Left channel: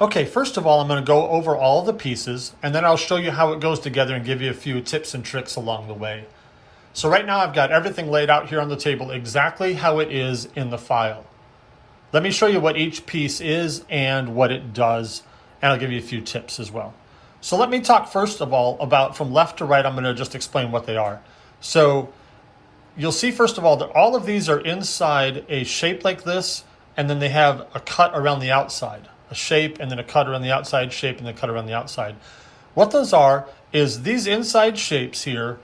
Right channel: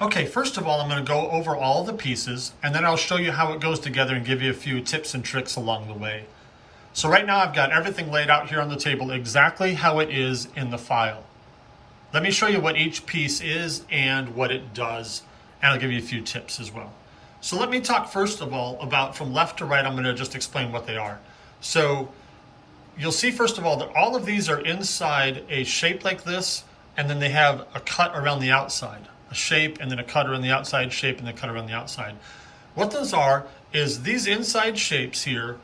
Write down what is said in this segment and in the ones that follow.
Okay, first of all, I'm going to go over all the pieces, and then I'll show you how it goes together and give you a few tips and tricks along the way. So right now I've got everything laid out here on the table exactly how it is in the file. Let me show you what each piece is and what it does, and I'll give you a few tips as well. So let me talk first of all about from left to right. I'm going to just explain what they are. So you'll see first of all that all of these are inside a shape like this, and then they have a cut around the outside. A shape and then a cut around the outside, shape and then a cut around the outside. What those are is these inside shapes here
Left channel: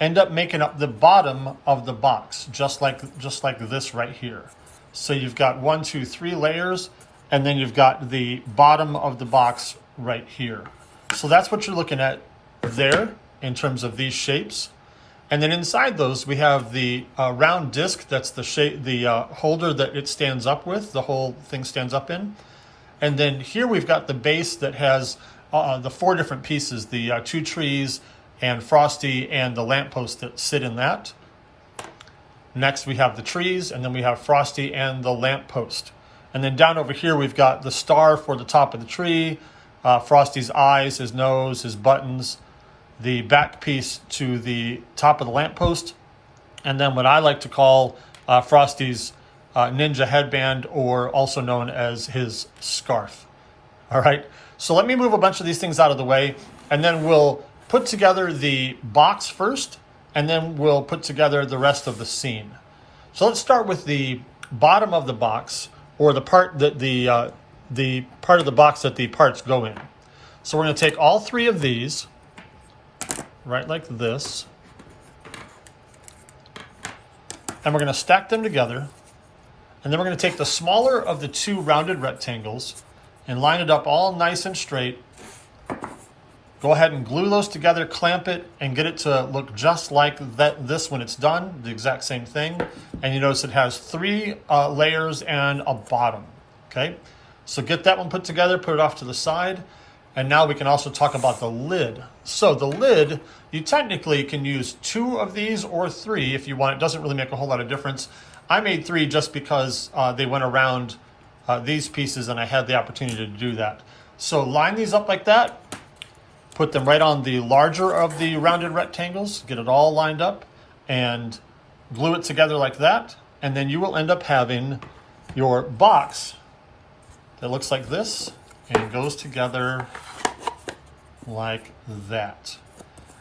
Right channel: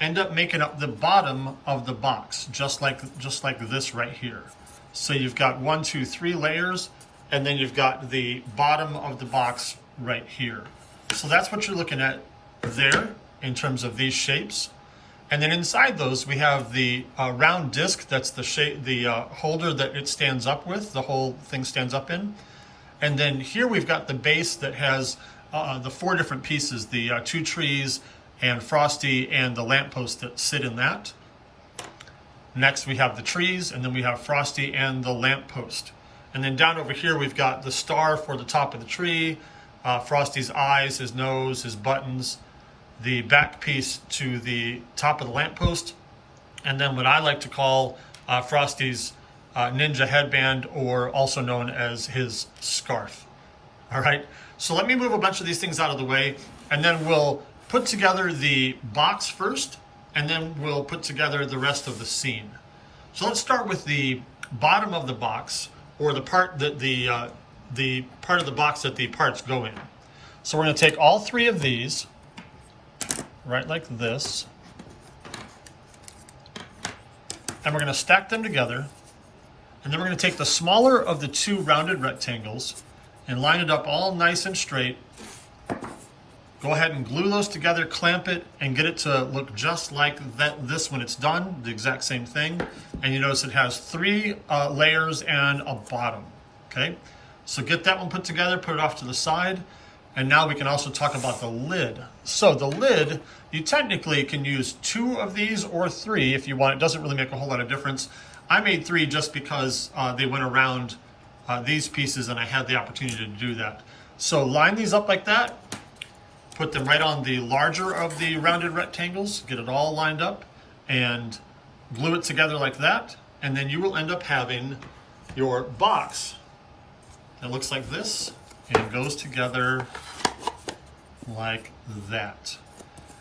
end up making up the bottom of the box, just like this right here. So you've got 1, 2, 3 layers, and then you've got the bottom of the box right here. So that's what you're looking at there in terms of these shapes. And then inside those, we have the round disc. That's the shape, the holder that it stands up with, the whole thing stands up in. And then here we've got the base that has the 4 different pieces, the 2 trees and Frosty and the lamppost that sit in that. Next we have the trees, and then we have Frosty and the lamppost. And then down over here we've got the star for the top of the tree, Frosty's eyes, his nose, his buttons, the back piece to the top of the lamppost, and then what I like to call Frosty's ninja headband, or also known as his scarf. All right, so let me move a bunch of these things out of the way, and then we'll put together the box first, and then we'll put together the rest of the scene. So let's start with the bottom of the box, or the part that the part of the box that the parts go in. So we're going to take all 3 of these, right like this, and we're going to stack them together. And then we're going to take the smaller of the 2 rounded rectangles and line it up all nice and straight. Go ahead and glue those together, clamp it, and get it to look just like this when it's done, the exact same thing. And you notice it has 3 layers and a bottom, okay? So get that one put together, put it off to the side. And now we can also talk about the lid. So the lid, you technically can use 2 of these or 3 if you want. It doesn't really make a whole lot of difference. I made 3 just because they went around these pieces and I had the opportunity to do that. So line these up like that, put them right on the larger of the rounded rectangles, get it all lined up, and glue it together like that. And then you will end up having your box that looks like this, and it goes together like that.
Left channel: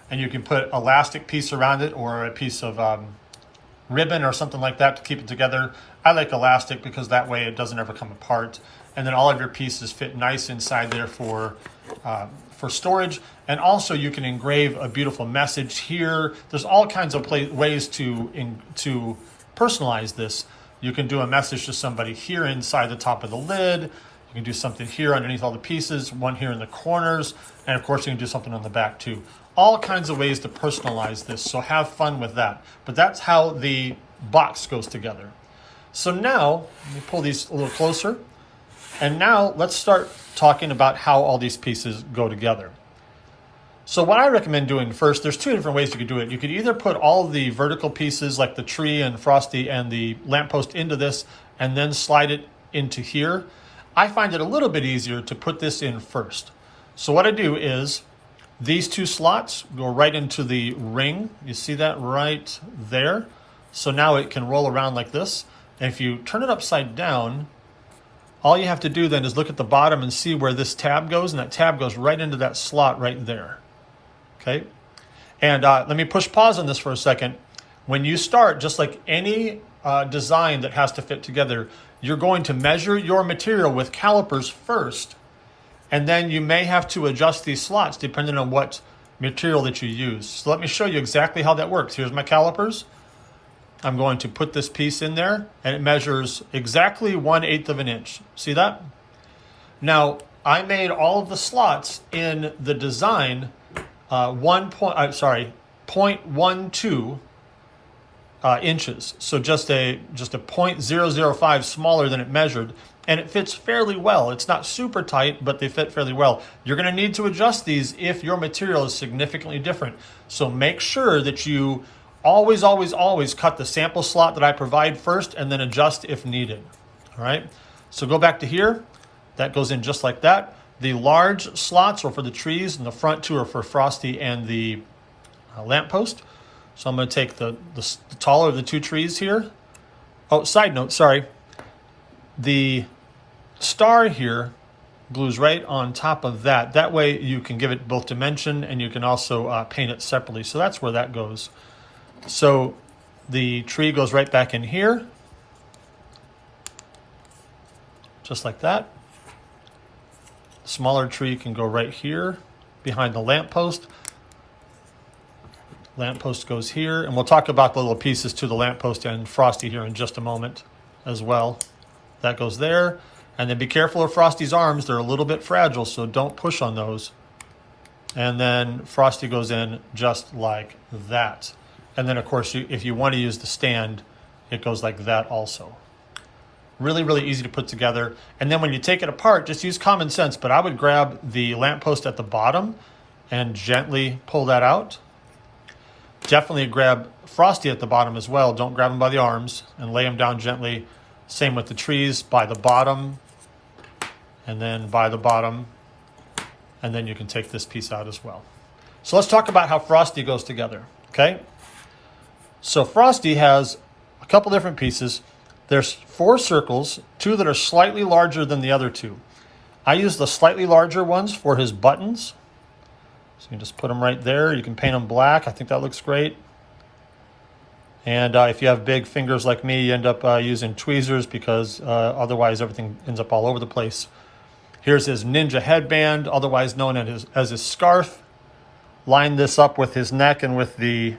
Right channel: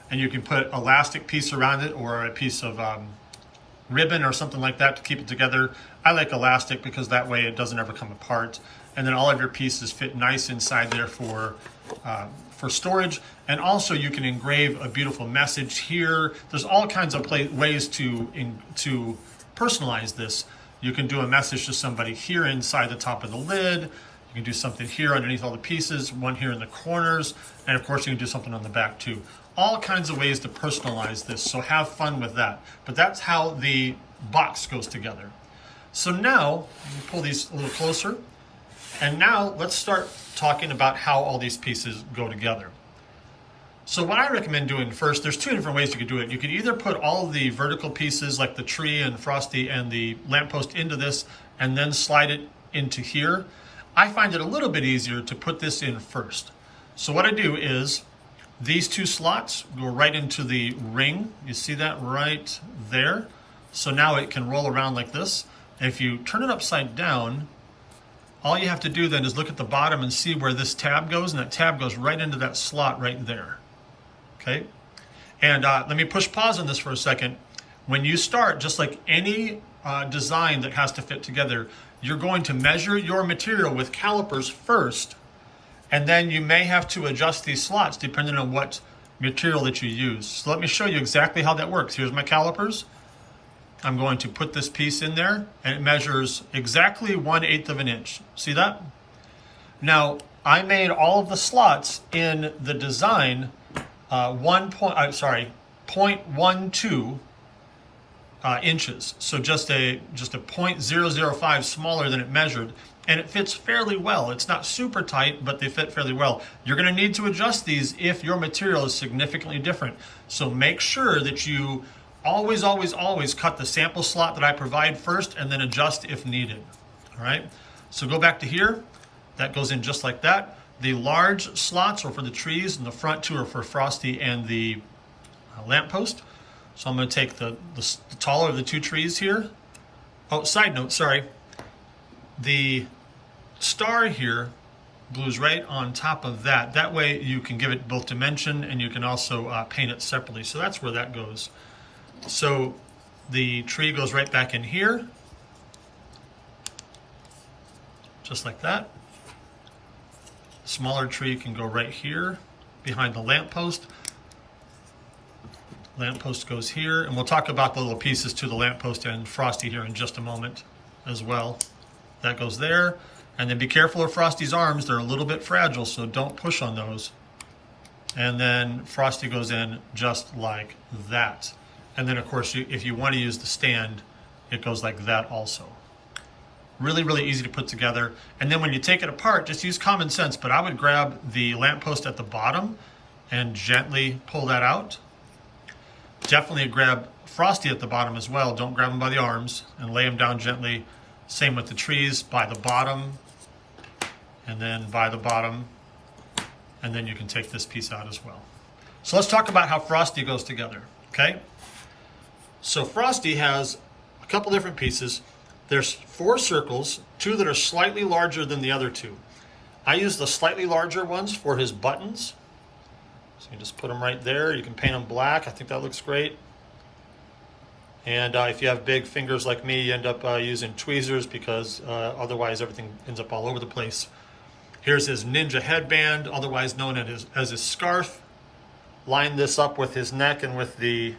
And you can put elastic piece around it, or a piece of ribbon or something like that to keep it together. I like elastic because that way it doesn't ever come apart. And then all of your pieces fit nice inside there for storage. And also you can engrave a beautiful message here. There's all kinds of ways to personalize this. You can do a message to somebody here inside the top of the lid. You can do something here underneath all the pieces, one here in the corners, and of course you can do something on the back too. All kinds of ways to personalize this, so have fun with that. But that's how the box goes together. So now, let me pull these a little closer. And now let's start talking about how all these pieces go together. So what I recommend doing first, there's 2 different ways you could do it. You could either put all the vertical pieces like the tree and Frosty and the lamppost into this and then slide it into here. I find it a little bit easier to put this in first. So what I do is these 2 slots go right into the ring. You see that right there? So now it can roll around like this. And if you turn it upside down, all you have to do then is look at the bottom and see where this tab goes, and that tab goes right into that slot right there. Okay? And let me push pause on this for a second. When you start, just like any design that has to fit together, you're going to measure your material with calipers first, and then you may have to adjust these slots depending on what material that you use. So let me show you exactly how that works. Here's my calipers. I'm going to put this piece in there, and it measures exactly 1/8 of an inch. See that? Now, I made all of the slots in the design 0.12 inches. So just a 0.005 smaller than it measured, and it fits fairly well. It's not super tight, but they fit fairly well. You're going to need to adjust these if your material is significantly different. So make sure that you always cut the sample slot that I provide first, and then adjust if needed. All right, so go back to here. That goes in just like that. The large slots are for the trees, and the front two are for Frosty and the lamppost. So I'm going to take the taller of the two trees here. Oh, side note, sorry. The star here glues right on top of that. That way you can give it both dimension and you can also paint it separately. So that's where that goes. So the tree goes right back in here, just like that. Smaller tree can go right here behind the lamppost. Lamppost goes here, and we'll talk about the little pieces to the lamppost and Frosty here in just a moment as well. That goes there. And then be careful of Frosty's arms. They're a little bit fragile, so don't push on those. And then Frosty goes in just like that. And then, of course, if you want to use the stand, it goes like that also. Really, really easy to put together. And then when you take it apart, just use common sense. But I would grab the lamppost at the bottom and gently pull that out. Definitely grab Frosty at the bottom as well. Don't grab him by the arms, and lay him down gently. Same with the trees, by the bottom, and then by the bottom. And then you can take this piece out as well. So let's talk about how Frosty goes together, okay? So Frosty has a couple different pieces. There's 4 circles, 2 that are slightly larger than the other 2. I use the slightly larger ones for his buttons. So you just put them right there. You can paint them black. I think that looks great. And if you have big fingers like me, you end up using tweezers because otherwise everything ends up all over the place. Here's his ninja headband, otherwise known as his scarf. Line this up with his neck and with the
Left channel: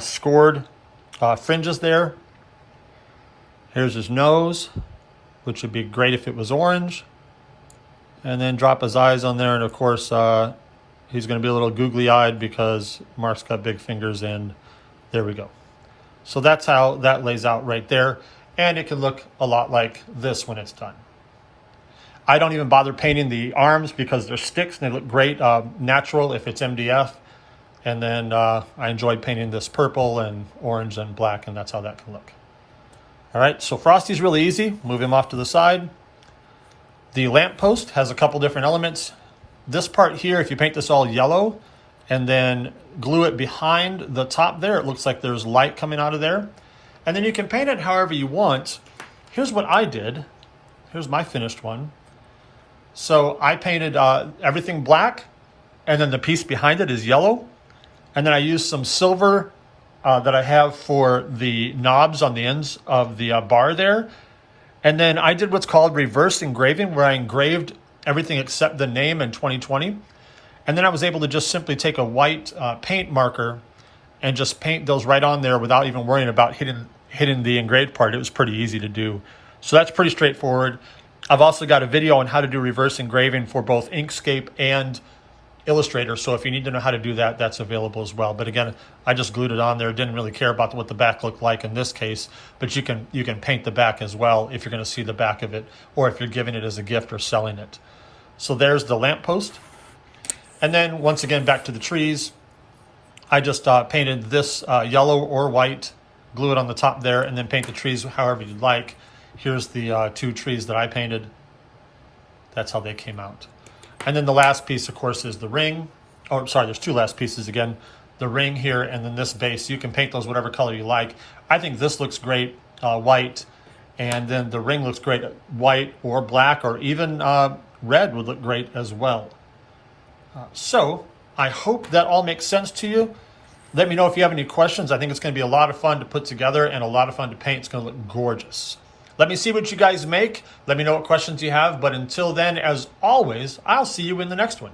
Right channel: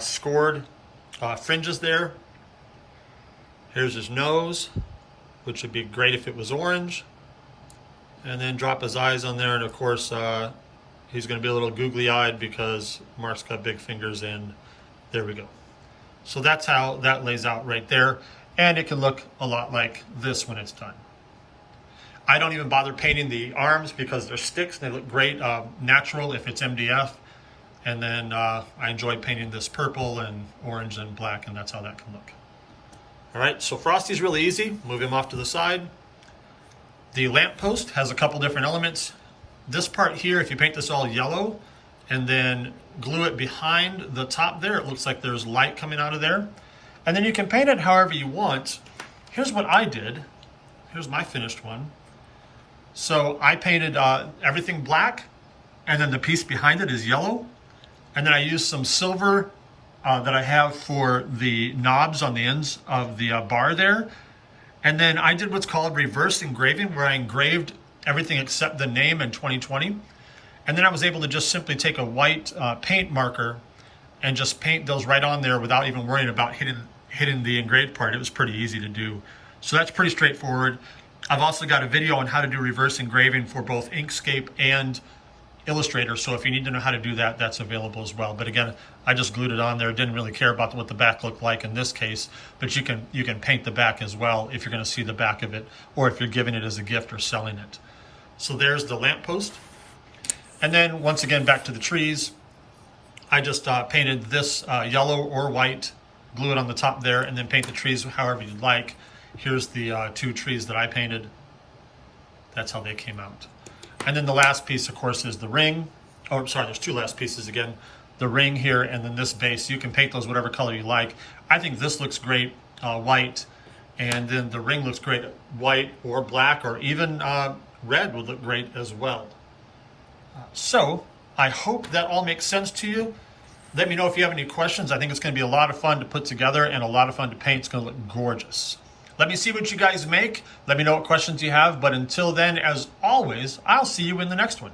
scored fringes there. Here's his nose, which would be great if it was orange. And then drop his eyes on there, and of course he's going to be a little googly-eyed because Mark's got big fingers, and there we go. So that's how that lays out right there. And it can look a lot like this when it's done. I don't even bother painting the arms because they're sticks and they look great natural if it's MDF. And then I enjoyed painting this purple and orange and black, and that's how that can look. All right, so Frosty's really easy. Move him off to the side. The lamppost has a couple different elements. This part here, if you paint this all yellow and then glue it behind the top there, it looks like there's light coming out of there. And then you can paint it however you want. Here's what I did. Here's my finished one. So I painted everything black, and then the piece behind it is yellow. And then I used some silver that I have for the knobs on the ends of the bar there. And then I did what's called reverse engraving, where I engraved everything except the name in 2020. And then I was able to just simply take a white paint marker and just paint those right on there without even worrying about hitting the engraved part. It was pretty easy to do. So that's pretty straightforward. I've also got a video on how to do reverse engraving for both Inkscape and Illustrator. So if you need to know how to do that, that's available as well. But again, I just glued it on there. Didn't really care about what the back looked like in this case, but you can paint the back as well if you're going to see the back of it, or if you're giving it as a gift or selling it. So there's the lamppost. And then once again, back to the trees. I just painted this yellow or white, glue it on the top there, and then paint the trees however you'd like. Here's the 2 trees that I painted. That's how they came out. And then the last piece, of course, is the ring. Oh, sorry, there's 2 last pieces again. The ring here and then this base. You can paint those whatever color you like. I think this looks great, white. And then the ring looks great, white or black, or even red would look great as well. So I hope that all makes sense to you. Let me know if you have any questions. I think it's going to be a lot of fun to put together and a lot of fun to paint. It's going to look gorgeous. Let me see what you guys make. Let me know what questions you have. But until then, as always, I'll see you in the next one.